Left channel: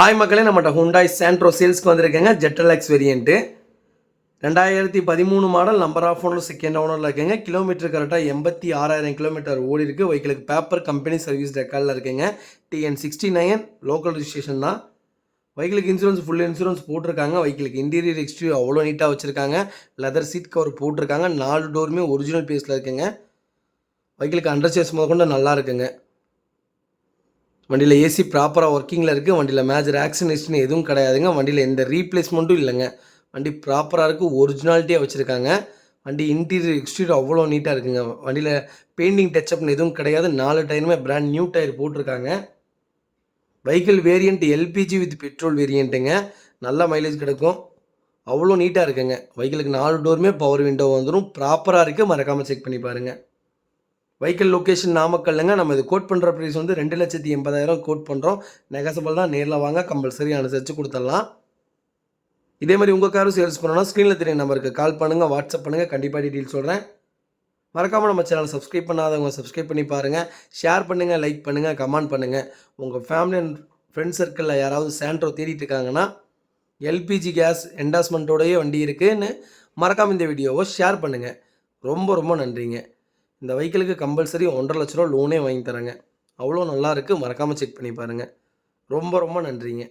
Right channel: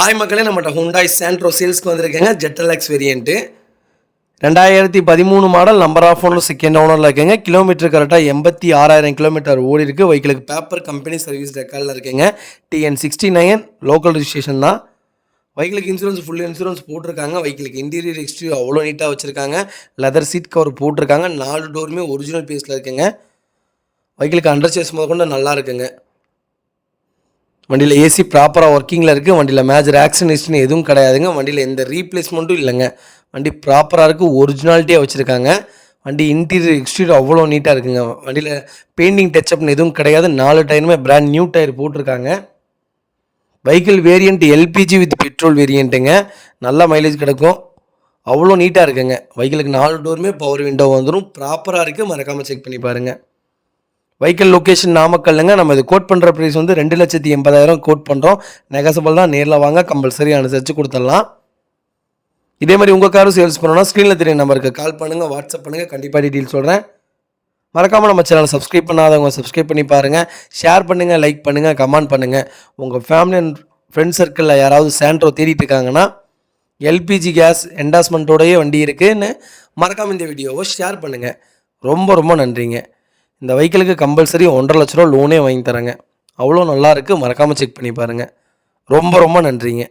Hi மக்களே, நம்மகிட்ட Hyundai Santro சேல்ஸ்க்கு வந்திருக்கேங்க. ஜெட்டலக்ஸ் variant 2013 model. Number of owner second ஓனரில் இருக்குங்க. கிலோமீட்டர் கரெக்டாக 86,000 கிலோமீட்டர் ஓடி இருக்குது. வெஹிக்கிளுக்கு பேப்பர் கம்பெனி சர்வீஸ் ரெக்கார்டில் இருக்குங்க. TN69 லோக்கல் ரிஜிஸ்ட்ரேஷன் தான். வெஹிக்கிளுக்கு இன்சூரன்ஸ் ஃபுல் இன்சூரன்ஸ் போட்டிருக்காங்க. வெஹிக்கிளுக்கு இன்டீரியர் எக்ஸ்டீரியர் அவ்வளோ நீட்டாக வச்சுருக்காங்க. லெதர் சீட் கவர் போட்டிருக்காங்க. 4 டோருமே ஒரிஜினல் பேஸில் இருக்குங்க. வெஹிக்கிளுக்கு அண்டர் சேஸ் முதற்கொண்டு நல்லா இருக்குங்க. வண்டியில் ஏசி ப்ராப்பராக ஒர்க்கிங்கில் இருக்குது. வண்டியில் மேஜர் ஆக்சிடென்ட் எதுவும் கிடையாதுங்க. வண்டியில் எந்த ரீப்ளேஸ்மெண்ட்டும் இல்லைங்க. வண்டி ப்ராப்பராக இருக்குது. ஒரிஜினாலிட்டியாக வச்சுருக்காங்க. வண்டி இன்டீரியர் எக்ஸ்டீரியர் அவ்வளோ நீட்டாக இருக்குங்க. வண்டியில் பெயிண்டிங் டச்சப்னு எதுவும் கிடையாது. 4 டயருமே பிராண்ட் நியூ டயர் போட்டிருக்காங்க. Vehicle variant LPG with petrol வேரியண்ட்டுங்க. நல்ல மைலேஜ் கிடைக்கும். அவ்வளோ நீட்டாக இருக்குங்க. வெஹிக்கிளுக்கு 4 டோருமே பவர் விண்டோ வந்துடும். ப்ராப்பராக இருக்குது. மறக்காமல் செக் பண்ணி பாருங்கள். வெஹிக்கிள் லொக்கேஷன் நாமக்கல்லுங்க. நம்ம இது கோட் பண்ணுற ப்ரைஸ் வந்து 2,80,000 கோட் பண்ணுறோம். நெகசபிள் தான். நேரில் வாங்க, கம்பல்சரி அனுசரித்து கொடுத்துடலாம். இதே மாதிரி உங்கள் காரும் சேல்ஸ் பண்ணணும்னா ஸ்க்ரீனில் தெரிய நம்பருக்கு கால் பண்ணுங்கள், வாட்ஸ்அப் பண்ணுங்கள். கண்டிப்பாக டீட்டெயில் சொல்கிறேன். மறக்காமல் நம்ம சேனலை சப்ஸ்கிரைப் பண்ணாதவங்க சப்ஸ்கிரைப் பண்ணி பாருங்கள். ஷேர் பண்ணுங்கள், லைக் பண்ணுங்கள், கமெண்ட் பண்ணுங்கள். உங்கள் ஃபேமிலி அண்ட் ஃப்ரெண்ட்ஸ் சர்க்கிளில் யாராவது சாண்ட்ரோ தேடிட்டு இருக்காங்கன்னா எல்பிஜி கேஸ் என்டாஸ்மெண்ட்டோடையே வண்டி இருக்குதுன்னு மறக்காமல் இந்த வீடியோவை ஷேர் பண்ணுங்கள். ரொம்ப ரொம்ப நன்றிங்க. இந்த வெஹிக்கிளுக்கு கம்பல்சரி 1,50,000 ரூபா லோனே வாங்கி தரேங்க. அவ்வளோ நல்லா இருக்குது. மறக்காமல் செக் பண்ணி பாருங்கள். ரொம்ப ரொம்ப நன்றிங்க.